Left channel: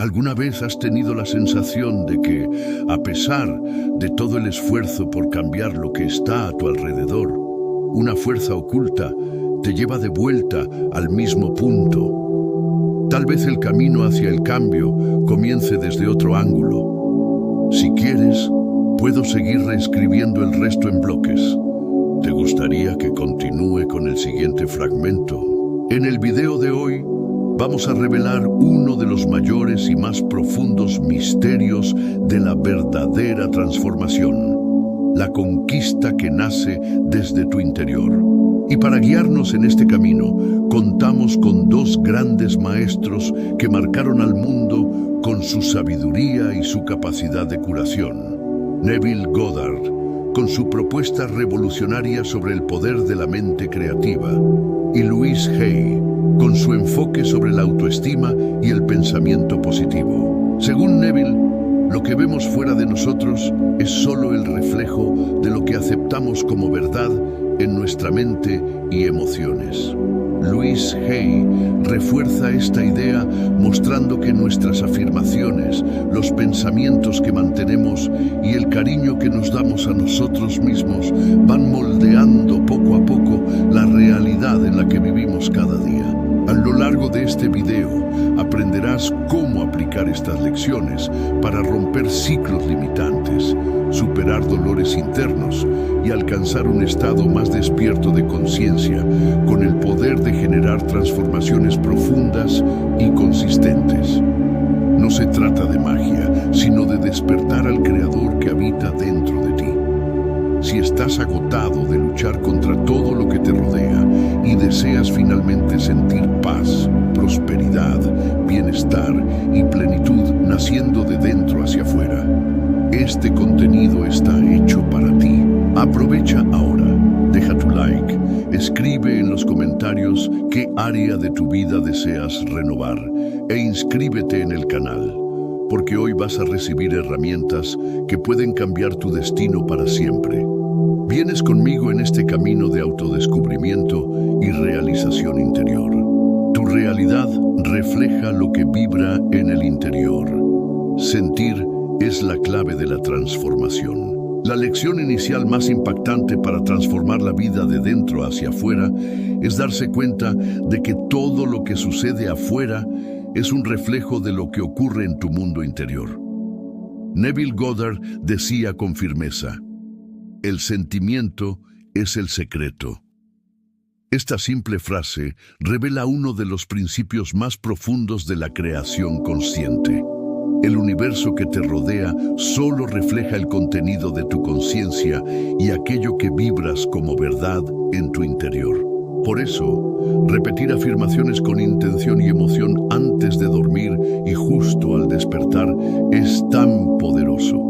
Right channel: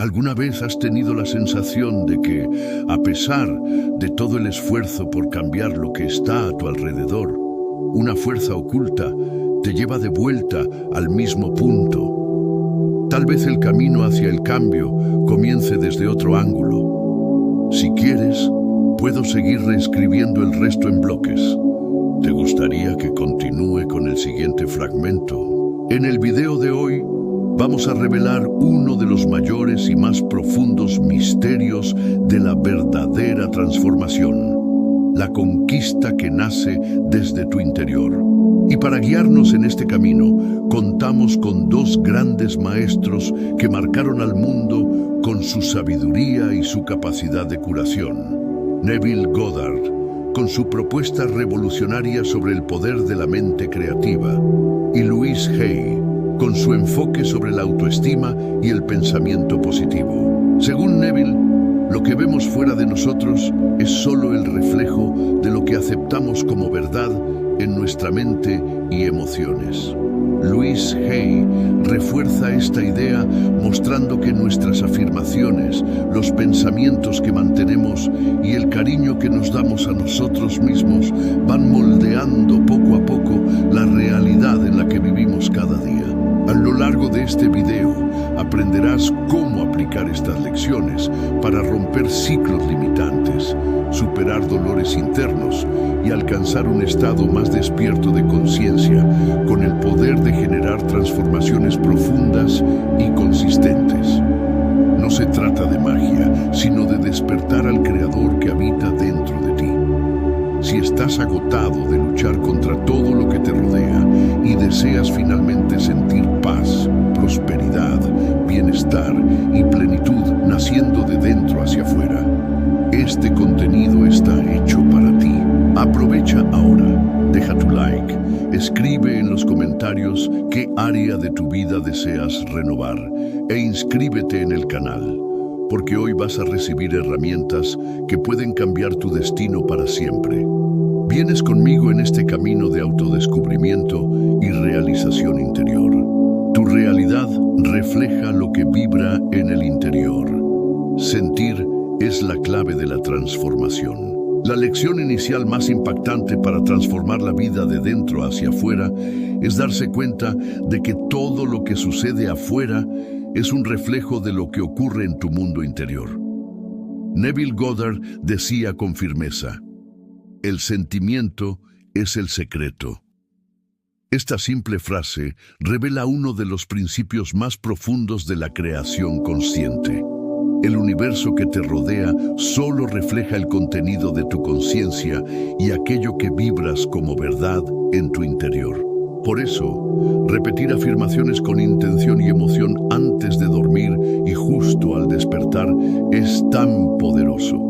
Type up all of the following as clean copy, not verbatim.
¿Alguna vez has tenido la sensación de que, a pesar de todo el esfuerzo por cambiar lo que está a tu alrededor, una fuerza oculta te lleva de vuelta al mismo punto? Tal vez el camino hacia el cambio comience desde otro ángulo. Si quieres, puedo seguir reescribiendo el resto en bloques. ¿Te gustaría que continúe con el siguiente fragmento? En el video de hoy, vamos a revelar uno de los mayores y más profundos misterios de la verdadera transformación, la conquista que nace desde tu interior. Y para guiarnos en este camino, contamos con dos grandes maestros que marcaron al mundo con su sabiduría y su capacidad de curación. Neville Goddard, con su propuesta revolucionaria sobre el poder de la mente creativa, y Louise Hay, con su enfoque sobre la autoestima y el pensamiento positivo. Según Neville, lo que vemos fuera de nosotros es solo el reflejo de lo que aceptamos como verdad en nuestra mente y emociones. Louise Hay refuerza esta idea mostrando que nuestras afirmaciones, los pensamientos que mantenemos y el cariño que nos damos a nosotros mismos van moldeando poco a poco la realidad en la que vivimos cada día. A lo largo de este video aprenderás cómo aplicar estas lecciones para romper ciclos limitantes, superar dolores internos y alcanzar un estado más despierto de conciencia con el poder de generar transformaciones profundas y consistentes. No se trata de magia, sino de despertar al Creador que habita dentro de ti. Si estás agotado de luchar contra todo lo que te rodea y deseas finalmente sentir paz, prosperidad, bienestar y plenitud naciendo de dentro hacia afuera, este contenido está hecho para ti. Aprovecha ahora, deja tu like, escribe en los comentarios qué área de tu vida deseas renovar e inscríbete en el canal, porque hoy vas a recibir herramientas que pueden cambiar tu destino para siempre. Vienes conmigo en este camino de autodescubrimiento y realización interior. Tu realidad refleja lo que vibra en el interior. Sentir es la clave de la transformación. La lección inicial más impactante para transformar la vida de dentro hacia afuera es darse cuenta de que todo lo que sucede afuera es un reflejo de lo que ocurre en tu mundo interior. Neville Goddard decía con firmeza: el sentimiento es el secreto. Esta simple frase revela uno de los principios más profundos de la creación consciente. El universo que te rodea solo refleja el contenido de tu conciencia y aquello que vibras como verdad en tu interior. Por eso, repetir afirmaciones con intención y emoción antes de dormir y justo al despertar es tan poderoso.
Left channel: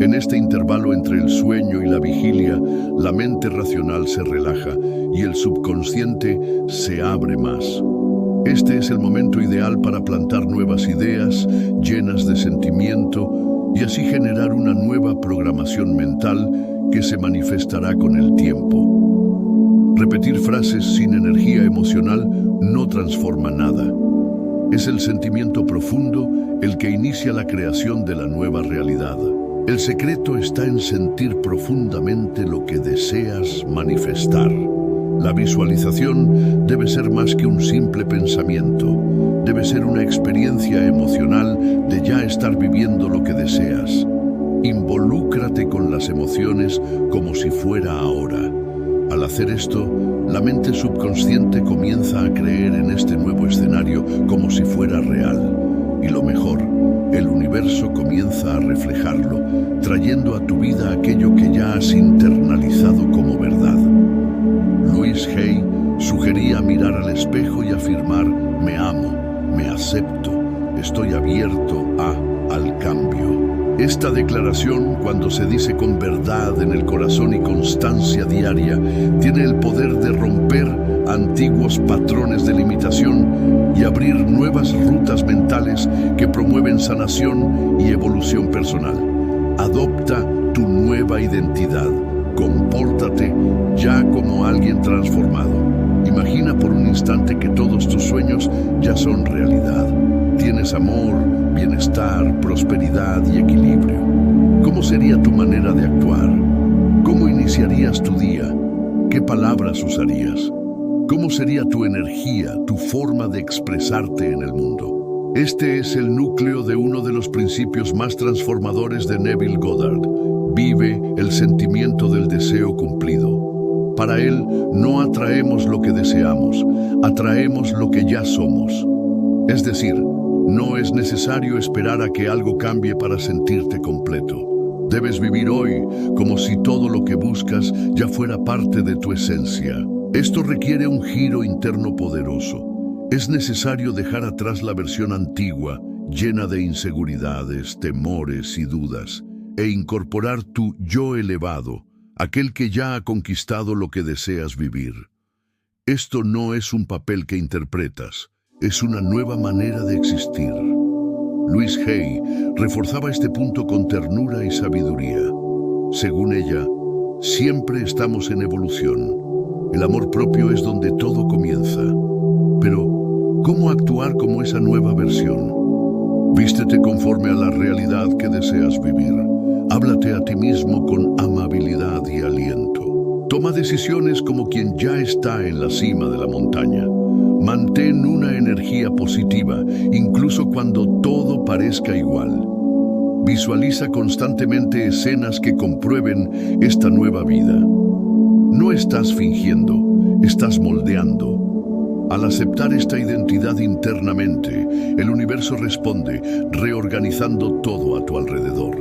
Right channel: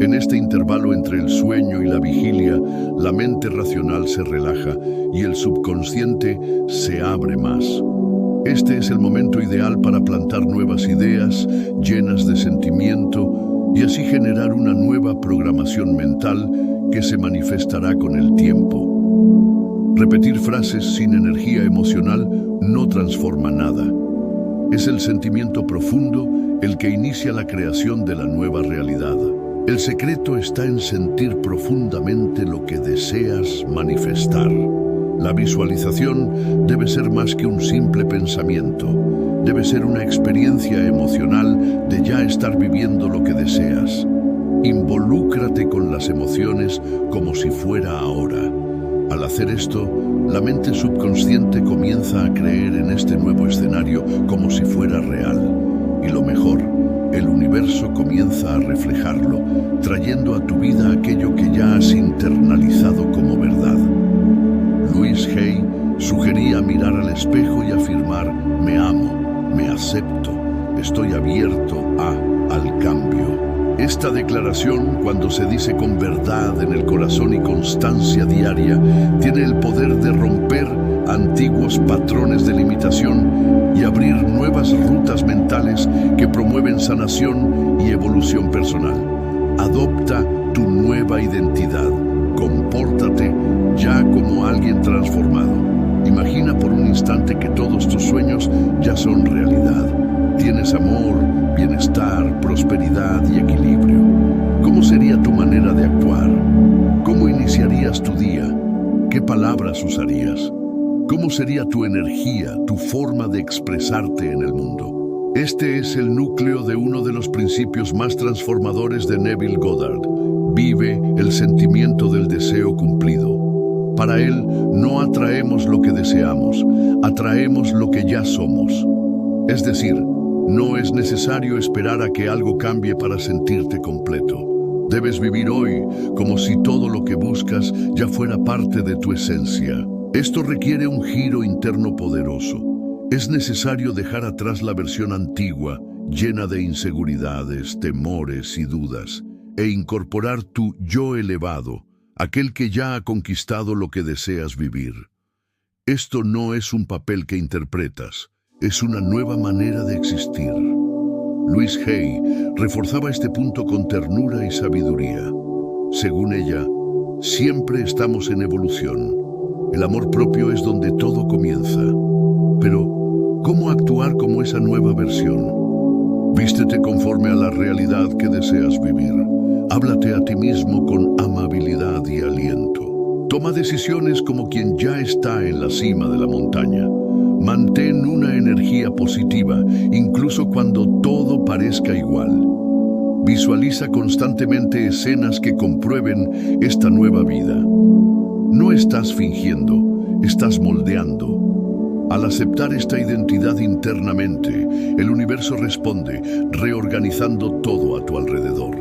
En este intervalo entre el sueño y la vigilia, la mente racional se relaja y el subconsciente se abre más. Este es el momento ideal para plantar nuevas ideas, llenas de sentimiento, y así generar una nueva programación mental que se manifestará con el tiempo. Repetir frases sin energía emocional no transforma nada. Es el sentimiento profundo el que inicia la creación de la nueva realidad. El secreto está en sentir profundamente lo que deseas manifestar. La visualización debe ser más que un simple pensamiento. Debe ser una experiencia emocional de ya estar viviendo lo que deseas. Involúcrate con las emociones como si fuera ahora. Al hacer esto, la mente subconsciente comienza a creer en este nuevo escenario como si fuera real. Y lo mejor, el universo comienza a reflejarlo, trayendo a tu vida aquello que ya has internalizado como verdad. Louise Hay sugería mirar al espejo y afirmar: me amo, me acepto, estoy abierto al cambio. Esta declaración, cuando se dice con verdad en el corazón y constancia diaria, tiene el poder de romper antiguos patrones de limitación y abrir nuevas rutas mentales que promueven sanación y evolución personal. Adopta tu nueva identidad. Compórtate ya como alguien transformado. Imagina por un instante que todos tus sueños ya son realidad. Tienes amor, bienestar, prosperidad y equilibrio. ¿Cómo sería tu manera de actuar? ¿Cómo iniciarías tu día? ¿Qué palabras usarías? ¿Cómo sería tu energía, tu forma de expresarte en el mundo? Este es el núcleo de uno de los principios más transformadores de Neville Goddard. Vive el sentimiento del deseo cumplido. Para él, no atraemos lo que deseamos, atraemos lo que ya somos. Es decir, no es necesario esperar a que algo cambie para sentirte completo. Debes vivir hoy como si todo lo que buscas ya fuera parte de tu esencia. Esto requiere un giro interno poderoso. Es necesario dejar atrás la versión antigua, llena de inseguridades, temores y dudas, e incorporar tu yo elevado, aquel que ya ha conquistado lo que deseas vivir. Esto no es un papel que interpretas, es una nueva manera de existir. Louise Hay reforzaba este punto con ternura y sabiduría. Según ella, siempre estamos en evolución. El amor propio es donde todo comienza. Pero, ¿cómo actuar como esa nueva versión? Vístete conforme a la realidad que deseas vivir. Háblate a ti mismo con amabilidad y aliento. Toma decisiones como quien ya está en la cima de la montaña. Mantén una energía positiva, incluso cuando todo parezca igual. Visualiza constantemente escenas que comprueben esta nueva vida. No estás fingiendo, estás moldeando. Al aceptar esta identidad internamente, el universo responde, reorganizando todo a tu alrededor.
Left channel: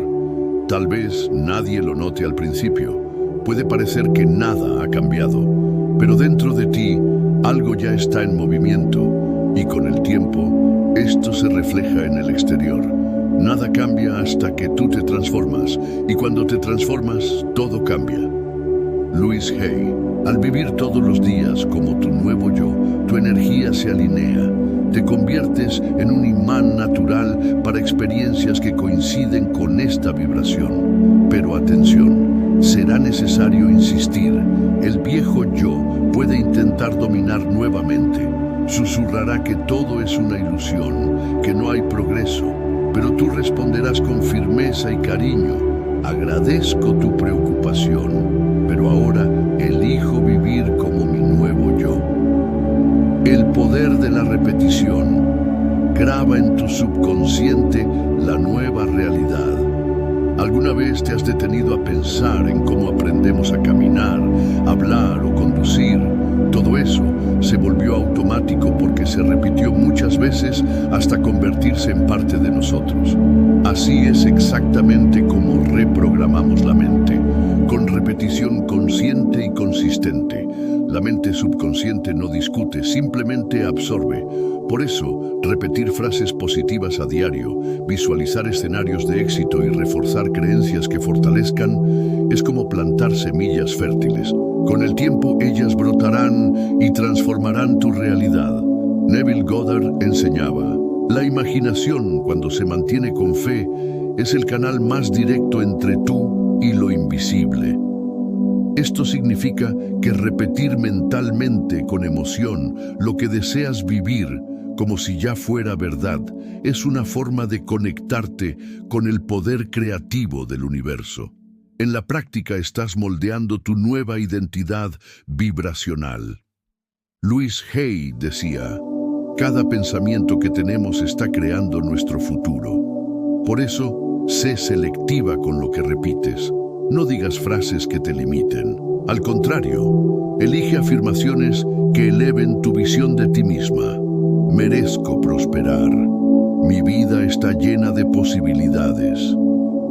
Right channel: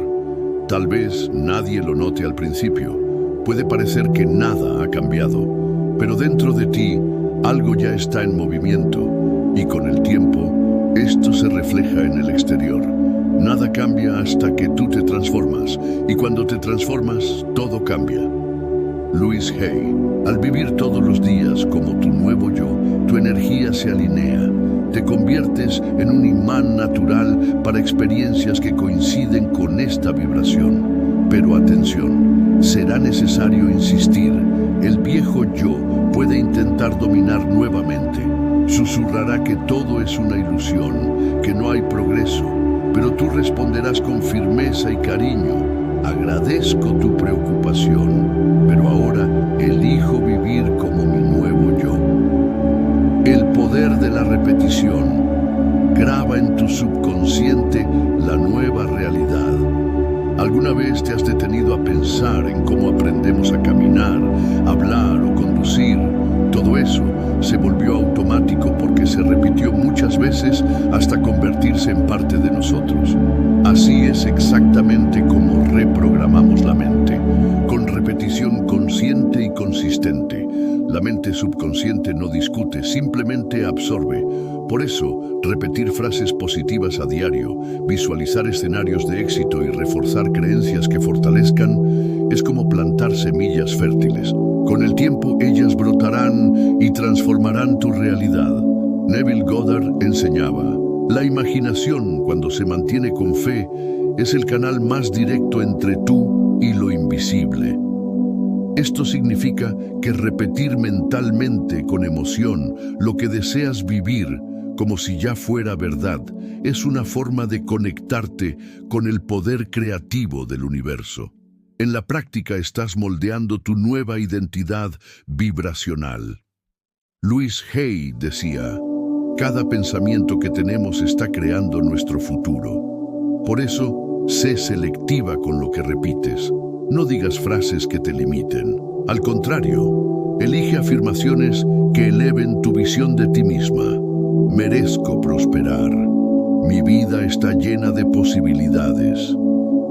Tal vez nadie lo note al principio. Puede parecer que nada ha cambiado, pero dentro de ti, algo ya está en movimiento, y con el tiempo, esto se refleja en el exterior. Nada cambia hasta que tú te transformas, y cuando te transformas, todo cambia. Louise Hay, al vivir todos los días como tu nuevo yo, tu energía se alinea. Te conviertes en un imán natural para experiencias que coinciden con esta vibración. Pero atención, será necesario insistir. El viejo yo puede intentar dominar nuevamente. Susurrará que todo es una ilusión, que no hay progreso, pero tú responderás con firmeza y cariño. Agradezco tu preocupación, pero ahora elijo vivir como mi nuevo yo. El poder de la repetición. Graba en tu subconsciente la nueva realidad. ¿Alguna vez te has detenido a pensar en cómo aprendemos a caminar, hablar o conducir? Todo eso se volvió automático porque se repitió muchas veces hasta convertirse en parte de nosotros. Así es exactamente como reprogramamos la mente, con repetición consciente y consistente. La mente subconsciente no discute, simplemente absorbe. Por eso, repetir frases positivas a diario, visualizar escenarios de éxito y reforzar creencias que fortalezcan, es como plantar semillas fértiles. Con el tiempo ellas brotarán y transformarán tu realidad. Neville Goddard enseñaba, la imaginación, cuando se mantiene con fe, es el canal más directo entre tú y lo invisible. Esto significa que repetir mentalmente con emoción lo que deseas vivir, como si ya fuera verdad, es una forma de conectarte con el poder creativo del universo. En la práctica estás moldeando tu nueva identidad vibracional. Louise Hay decía, cada pensamiento que tenemos está creando nuestro futuro. Por eso, sé selectiva con lo que repites. No digas frases que te limiten. Al contrario, elige afirmaciones que eleven tu visión de ti misma. Merezco prosperar. Mi vida está llena de posibilidades.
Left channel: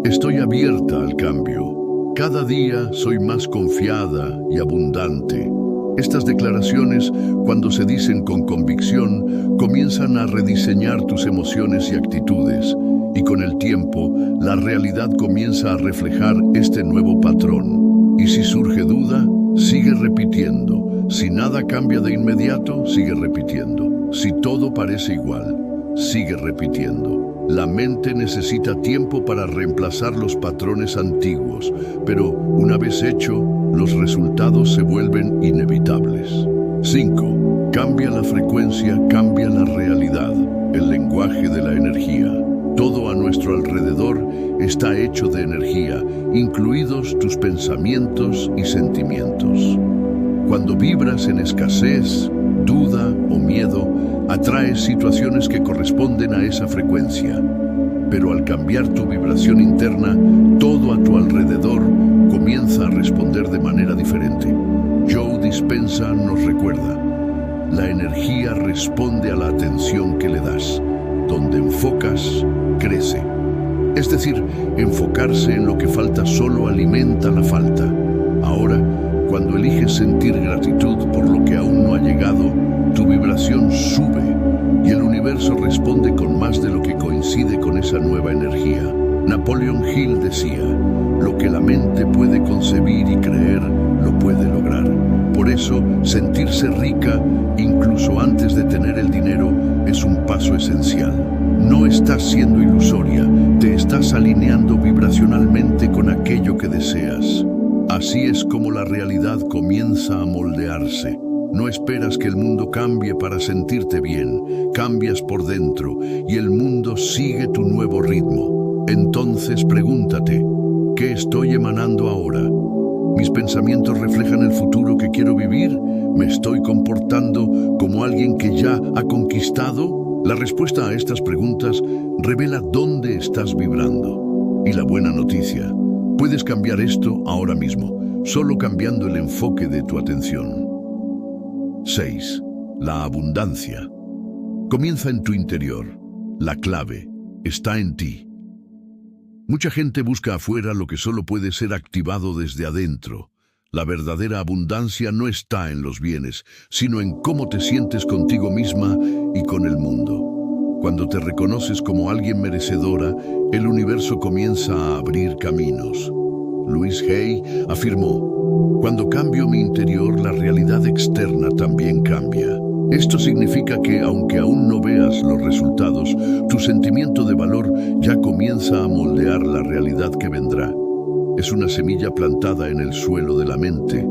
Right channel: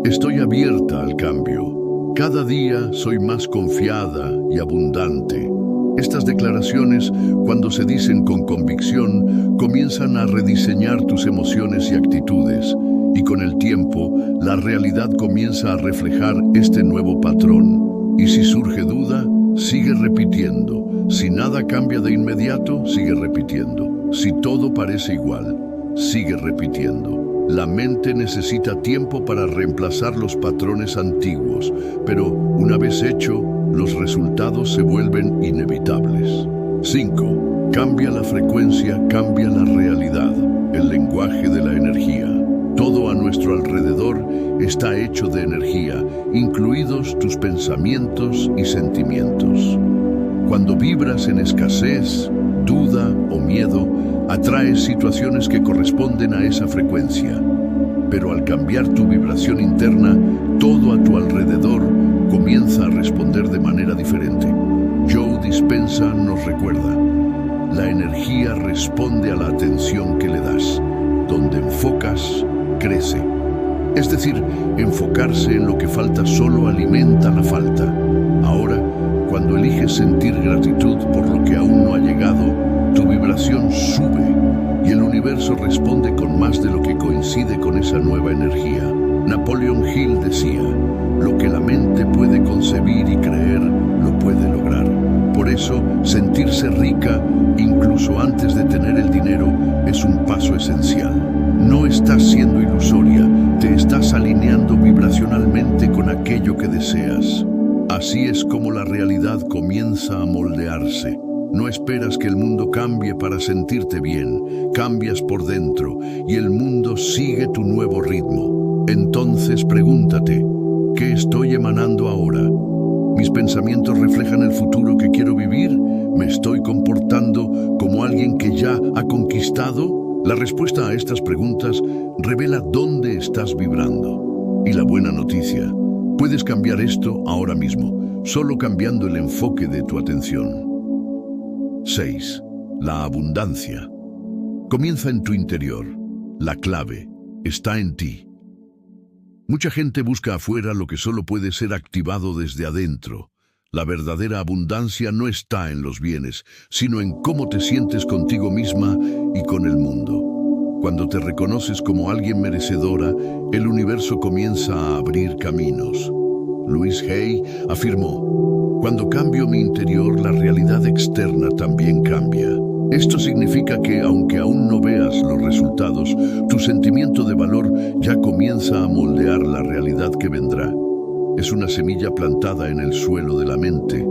Estoy abierta al cambio. Cada día soy más confiada y abundante. Estas declaraciones, cuando se dicen con convicción, comienzan a rediseñar tus emociones y actitudes. Y con el tiempo, la realidad comienza a reflejar este nuevo patrón. Y si surge duda, sigue repitiendo. Si nada cambia de inmediato, sigue repitiendo. Si todo parece igual, sigue repitiendo. La mente necesita tiempo para reemplazar los patrones antiguos, pero una vez hecho, los resultados se vuelven inevitables. 5. Cambia la frecuencia, cambia la realidad, el lenguaje de la energía. Todo a nuestro alrededor está hecho de energía, incluidos tus pensamientos y sentimientos. Cuando vibras en escasez, duda o miedo, atraes situaciones que corresponden a esa frecuencia. Pero al cambiar tu vibración interna, todo a tu alrededor comienza a responder de manera diferente. Joe Dispenza nos recuerda: la energía responde a la atención que le das. Donde enfocas, crece. Es decir, enfocarse en lo que falta solo alimenta la falta. Ahora, cuando eliges sentir gratitud por lo que aún no ha llegado, tu vibración sube y el universo responde con más de lo que coincide con esa nueva energía. Napoleon Hill decía: lo que la mente puede concebir y creer, lo puede lograr. Por eso, sentirse rica, incluso antes de tener el dinero, es un paso esencial. No estás siendo ilusoria, te estás alineando vibracionalmente con aquello que deseas. Así es como la realidad comienza a moldearse. No esperas que el mundo cambie para sentirte bien, cambias por dentro y el mundo sigue tu nuevo ritmo. Entonces pregúntate: ¿qué estoy emanando ahora? ¿Mis pensamientos reflejan el futuro que quiero vivir? ¿Me estoy comportando como alguien que ya ha conquistado? La respuesta a estas preguntas revela dónde estás vibrando. Y la buena noticia: puedes cambiar esto ahora mismo, solo cambiando el enfoque de tu atención. 6. La abundancia. Comienza en tu interior. La clave está en ti. Mucha gente busca afuera lo que solo puede ser activado desde adentro. La verdadera abundancia no está en los bienes, sino en cómo te sientes contigo misma y con el mundo. Cuando te reconoces como alguien merecedora, el universo comienza a abrir caminos. Louise Hay afirmó: cuando cambio mi interior, la realidad externa también cambia. Esto significa que, aunque aún no veas los resultados, tu sentimiento de valor ya comienza a moldear la realidad que vendrá. Es una semilla plantada en el suelo de la mente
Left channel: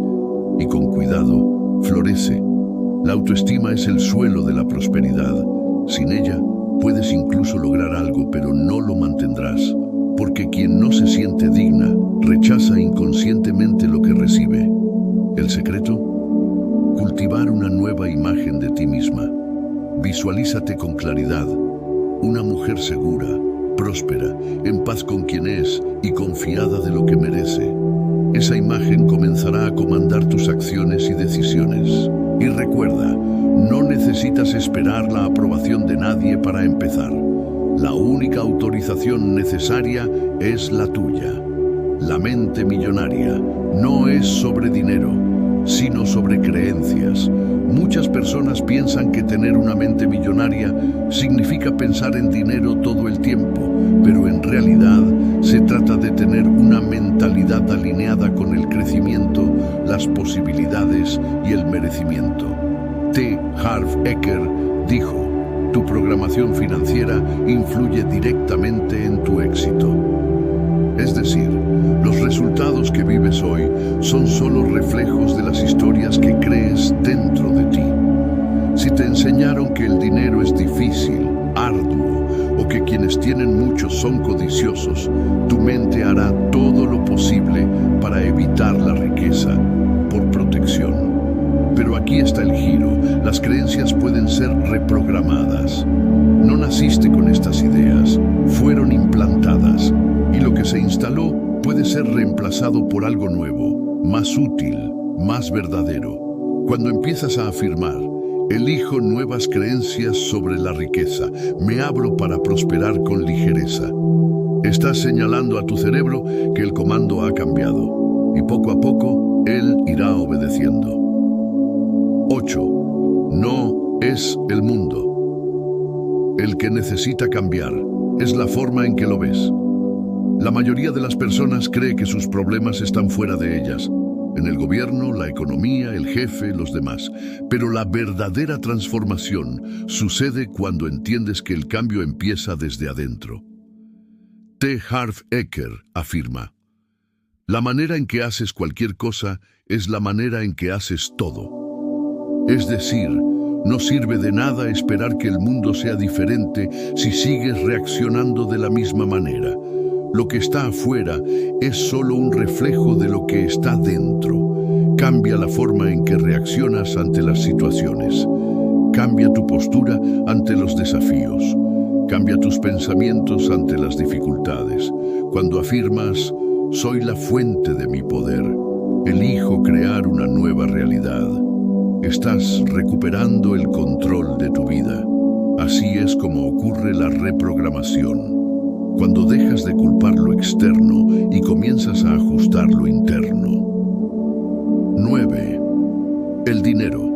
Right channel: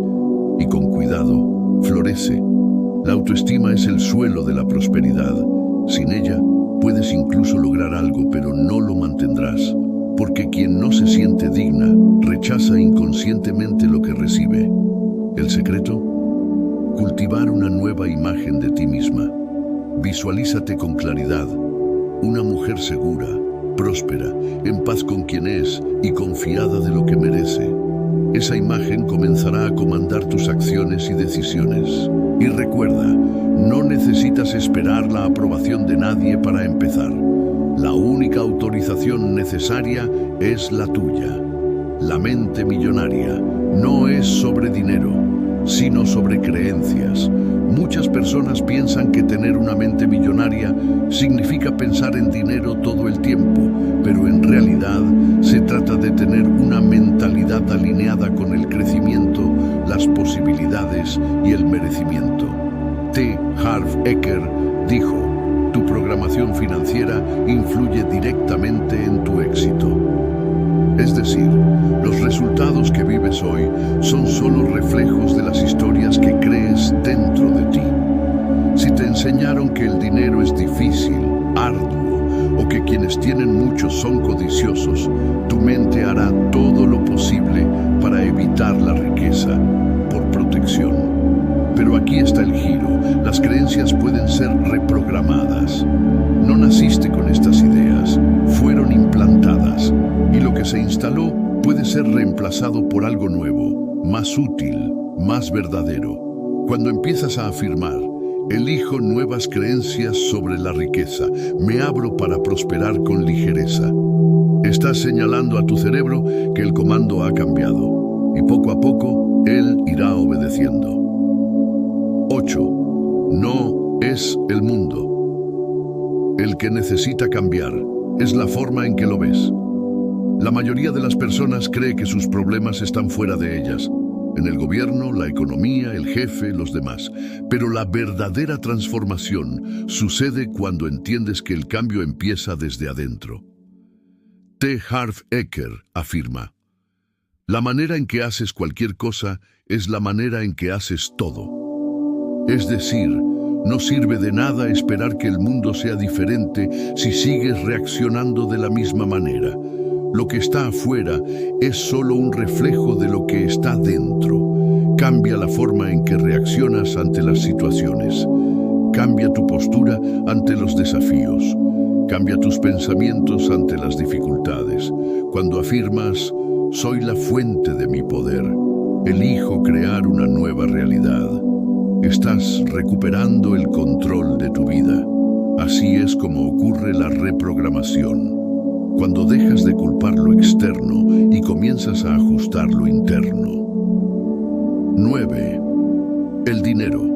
y, con cuidado, florece. La autoestima es el suelo de la prosperidad. Sin ella, puedes incluso lograr algo, pero no lo mantendrás, porque quien no se siente digna rechaza inconscientemente lo que recibe. ¿El secreto? Cultivar una nueva imagen de ti misma. Visualízate con claridad, una mujer segura, próspera, en paz con quien es y confiada de lo que merece. Esa imagen comenzará a comandar tus acciones y decisiones. Y recuerda, no necesitas esperar la aprobación de nadie para empezar. La única autorización necesaria es la tuya. La mente millonaria no es sobre dinero, sino sobre creencias. Muchas personas piensan que tener una mente millonaria significa pensar en dinero todo el tiempo, pero en realidad se trata de tener una mentalidad alineada con el crecimiento, las posibilidades y el merecimiento. T. Harv Eker dijo: tu programación financiera influye directamente en tu éxito. Es decir, los resultados que vives hoy son solo reflejos de las historias que crees dentro de ti. Si te enseñaron que el dinero es difícil, arduo, o que quienes tienen mucho son codiciosos, tu mente hará todo lo posible para evitar la riqueza, por protección. Pero aquí está el giro: las creencias pueden ser reprogramadas. No naciste con estas ideas, fueron implantadas, y lo que se instaló puede ser reemplazado por algo nuevo, más útil, más verdadero. Cuando empiezas a afirmar: elijo nuevas creencias sobre la riqueza, me abro para prosperar con ligereza, estás señalando a tu cerebro que el comando ha cambiado, y poco a poco él irá obedeciendo. 8. No es el mundo. El que necesita cambiar es la forma en que lo ves. La mayoría de las personas cree que sus problemas están fuera de ellas, en el gobierno, la economía, el jefe, los demás. Pero la verdadera transformación sucede cuando entiendes que el cambio empieza desde adentro. T. Harv Eker afirma: la manera en que haces cualquier cosa es la manera en que haces todo. Es decir, No sirve de nada esperar que el mundo sea diferente si sigues reaccionando de la misma manera. Lo que está afuera es solo un reflejo de lo que está dentro. Cambia la forma en que reaccionas ante las situaciones. Cambia tu postura ante los desafíos. Cambia tus pensamientos ante las dificultades. Cuando afirmas, soy la fuente de mi poder, elijo crear una nueva realidad, estás recuperando el control de tu vida. Así es como ocurre la reprogramación. Cuando dejas de culpar lo externo y comienzas a ajustar lo interno. 9. El dinero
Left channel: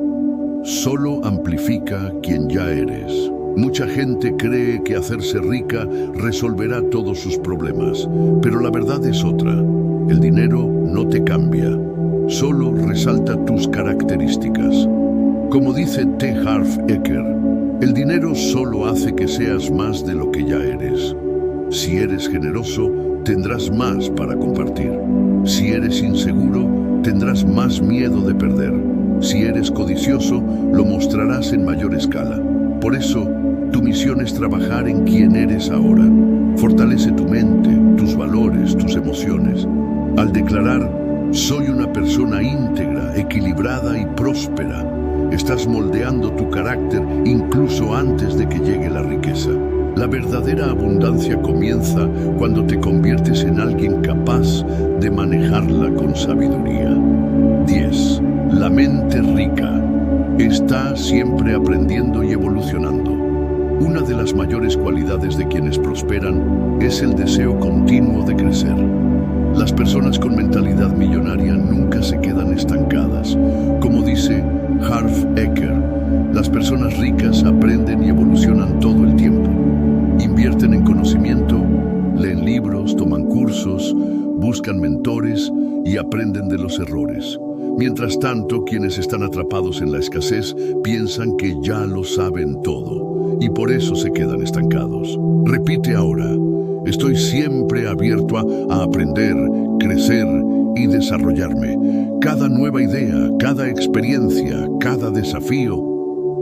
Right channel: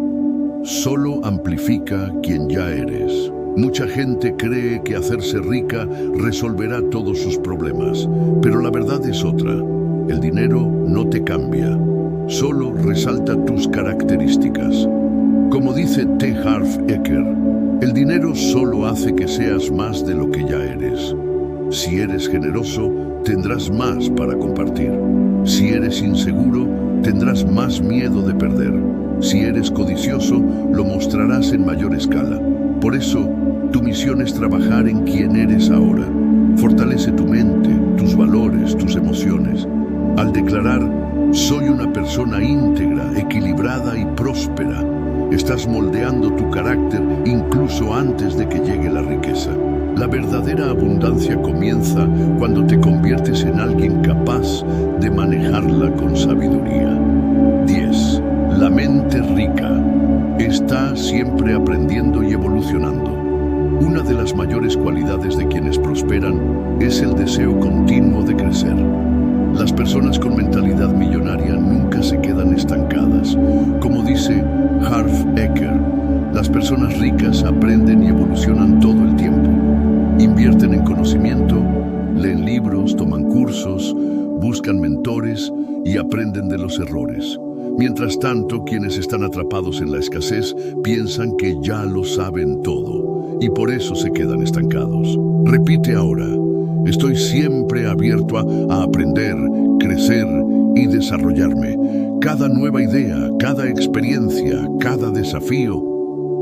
solo amplifica quien ya eres. Mucha gente cree que hacerse rica resolverá todos sus problemas, pero la verdad es otra. El dinero no te cambia, solo resalta tus características. Como dice T. Harv Eker, el dinero solo hace que seas más de lo que ya eres. Si eres generoso, tendrás más para compartir. Si eres inseguro, tendrás más miedo de perder. Si eres codicioso, lo mostrarás en mayor escala. Por eso, tu misión es trabajar en quién eres ahora. Fortalece tu mente, tus valores, tus emociones. Al declarar, soy una persona íntegra, equilibrada y próspera, estás moldeando tu carácter incluso antes de que llegue la riqueza. La verdadera abundancia comienza cuando te conviertes en alguien capaz de manejarla con sabiduría. 10. La mente rica está siempre aprendiendo y evolucionando. Una de las mayores cualidades de quienes prosperan es el deseo continuo de crecer. Las personas con mentalidad millonaria nunca se quedan estancadas. Como dice Harv Eker, las personas ricas aprenden y evolucionan todo el tiempo. Invierten en conocimiento, leen libros, toman cursos, buscan mentores y aprenden de los errores. Mientras tanto, quienes están atrapados en la escasez piensan que ya lo saben todo y por eso se quedan estancados. Repite ahora, estoy siempre abierto a aprender, crecer y desarrollarme. Cada nueva idea, cada experiencia, cada desafío,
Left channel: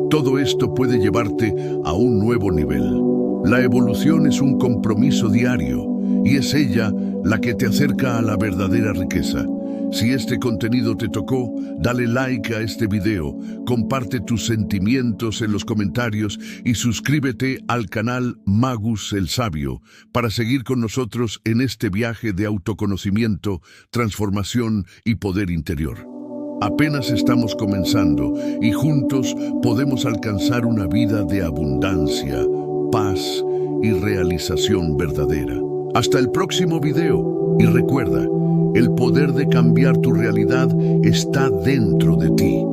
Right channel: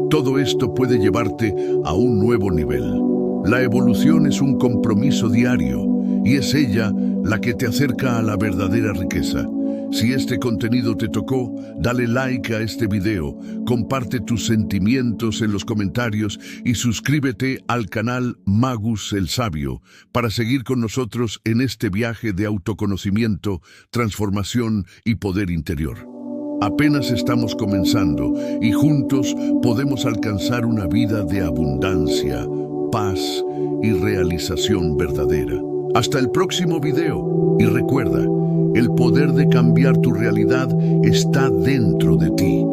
todo esto puede llevarte a un nuevo nivel. La evolución es un compromiso diario y es ella la que te acerca a la verdadera riqueza. Si este contenido te tocó, dale like a este video, comparte tus sentimientos en los comentarios y suscríbete al canal Magus el Sabio para seguir con nosotros en este viaje de autoconocimiento, transformación y poder interior. Apenas estamos comenzando y juntos podemos alcanzar una vida de abundancia, paz y realización verdadera. Hasta el próximo video y recuerda, el poder de cambiar tu realidad está dentro de ti.